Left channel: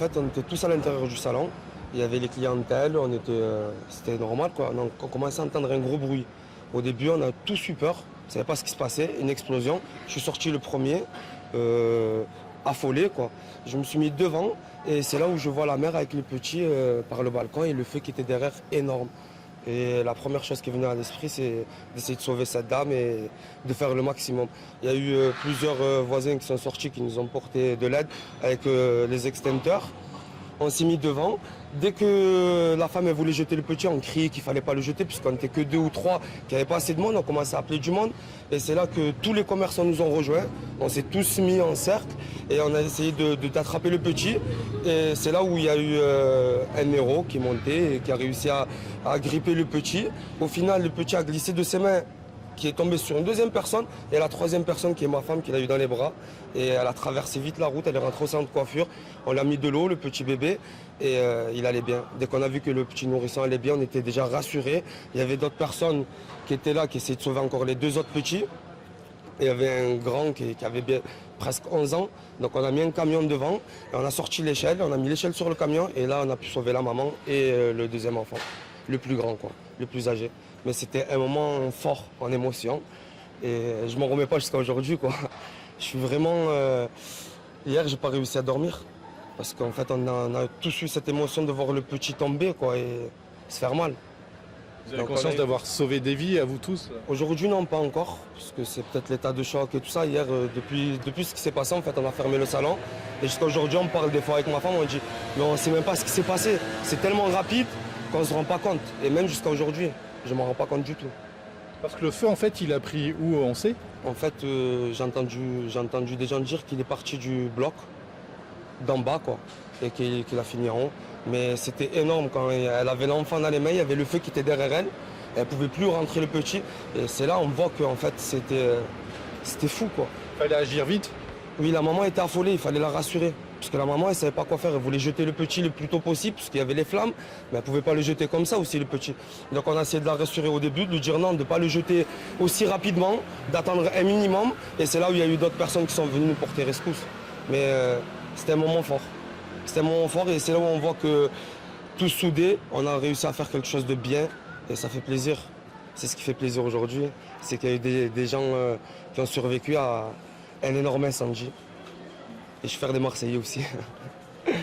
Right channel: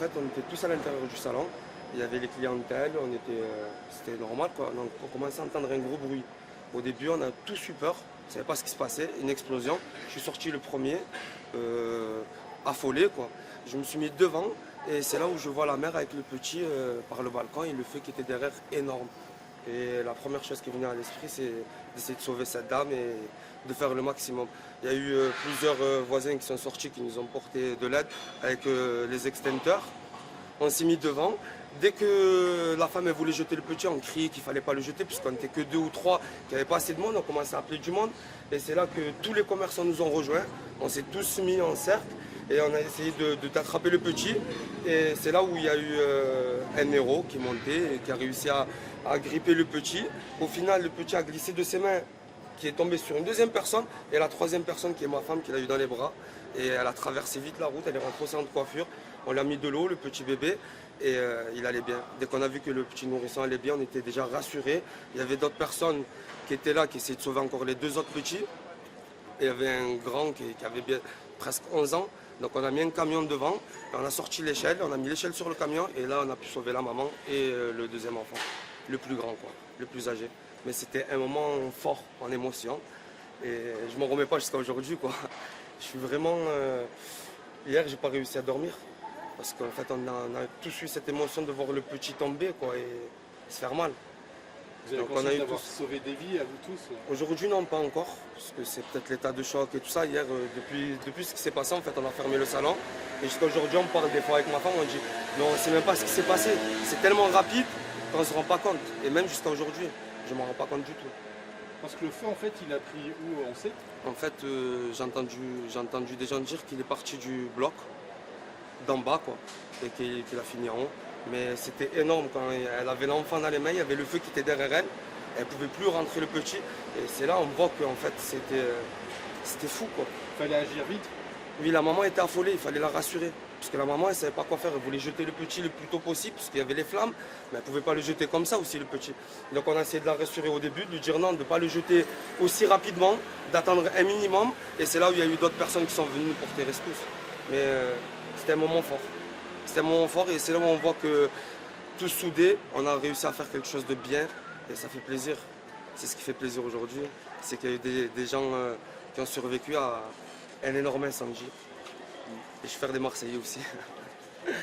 fait, on était tous à l'intérieur du salon. Il y avait les clientèles, c'était normal, quoi. Donc, on commençait à entendre un gros bruit. Au début, on a tous eu peur. On ne savait pas ce qui se passait. Une explosion. Je suis sorti le premier, affolé, quoi. Je me suis mis devant et c'est là où je vois la mère avec le petit par le balcon et le feu qui était derrière énorme. Et la première chose qui venait à l'esprit, c'est d'essayer de sauver cette dame et de faire le maximum. Il y a eu plusieurs voisins qui sont sortis, qui nous ont porté de l'aide avec les extincteurs. On s'est mis devant. Dès que la femme elle voulait jeter le petit, on criait qu'il ne fallait pas le jeter, puisqu'on n'était que 2 ou 3, qu'il n'y avait pas assez de monde. On commençait à appeler du monde. Et c'est là que tous les commerçants nous ont rejoints. On s'est tous mis en cercle et on a essayé d'attraper le petit. Et c'est là où il y a eu un héros qui montait et qui a réussi à gripper le petit. Au final, le petit a glissé de ses mains, qui est tombé sur une deuxième personne, et la troisième personne qui est ma femme qui l'a eu dans les bras. Et elle a traversé vite la route, elle est rentrée au centre de coiffure. On l'a mis de l'eau, le petit bébé, et il allait bien. Dès qu'on a vu que le petit nourrisson allait bien, on était déjà rassurés. Il y avait d'autres personnes qui étaient là, qui essayaient de sauver encore les 2 autres petits. Il y avait un grand qui avait presque 11 ans. Donc on a mis un camion devant, et on a sorti l'échelle, on a mis l'échelle sur le camion, et là on a pu sauver la maman et le deuxième enfant, le plus grand, quoi, le plus âgé. Mais c'était un moment fort en émotion, et je m'en remets pas jusqu'à aujourd'hui, quoi. Je suis vraiment... Hier, j'ai pas réussi à dormir, parce qu'en fait, on a tous eu cette émotion de voir le petit tomber, quoi, et se faire mal. Vous avez Donc, conscience d'avoir sauvé des vies à vous tous? Aujourd'hui, non, pas encore, parce que c'est peut-être l'état de choc et tout ça. Hier, depuis ce qui s'est passé, en fait, on a fermé le salon. Et jusqu'à aujourd'hui, on parle des fois avec ma femme, on dit, mais on ne sait même pas ce qui s'est passé. C'est tellement rapide qu'on ne se rend pas compte. Et même jusqu'à aujourd'hui, je ne m'en rends pas compte du tout. Parce que le feu, en fait, il a pris où, on sait? En fait, j'ai entendu des gens dire qu'il est parti du bloc, d'en bas, quoi, et qu'il a fini en haut. Mais c'était énorme. Quand elle avait l'enfant dans les mains, il y avait le feu qui était derrière elle. Elle ne pouvait plus rentrer le petit. Et c'est là on voit qu'en fait, c'était fou, quoi. Il fallait agir vite. Oui, la maman était affolée, il fallait la rassurer. Parce que la maman, elle ne savait pas quoi faire. Elle voulait jeter le petit le plus tôt possible, parce qu'il y avait les flammes. Mais elle ne pouvait pas le jeter comme ça aussi, le petit. Donc on a essayé de la rassurer au début, de lui dire non, de ne pas le jeter aussi rapidement, d'attendre un minimum. Et c'est là où il y a eu d'autres personnes qui sont venues nous porter rescousse. Mais c'était un moment fort. C'était un moment fort et c'est là où on voit que tous soudés, on a réussi à faire quelque chose de bien. Et ça fait plaisir. C'est ce qui fait plaisir aujourd'hui. C'est qu'il y a eu des gens qui ont survécu à un énorme incendie. Et je suis fier des Marseillais aussi.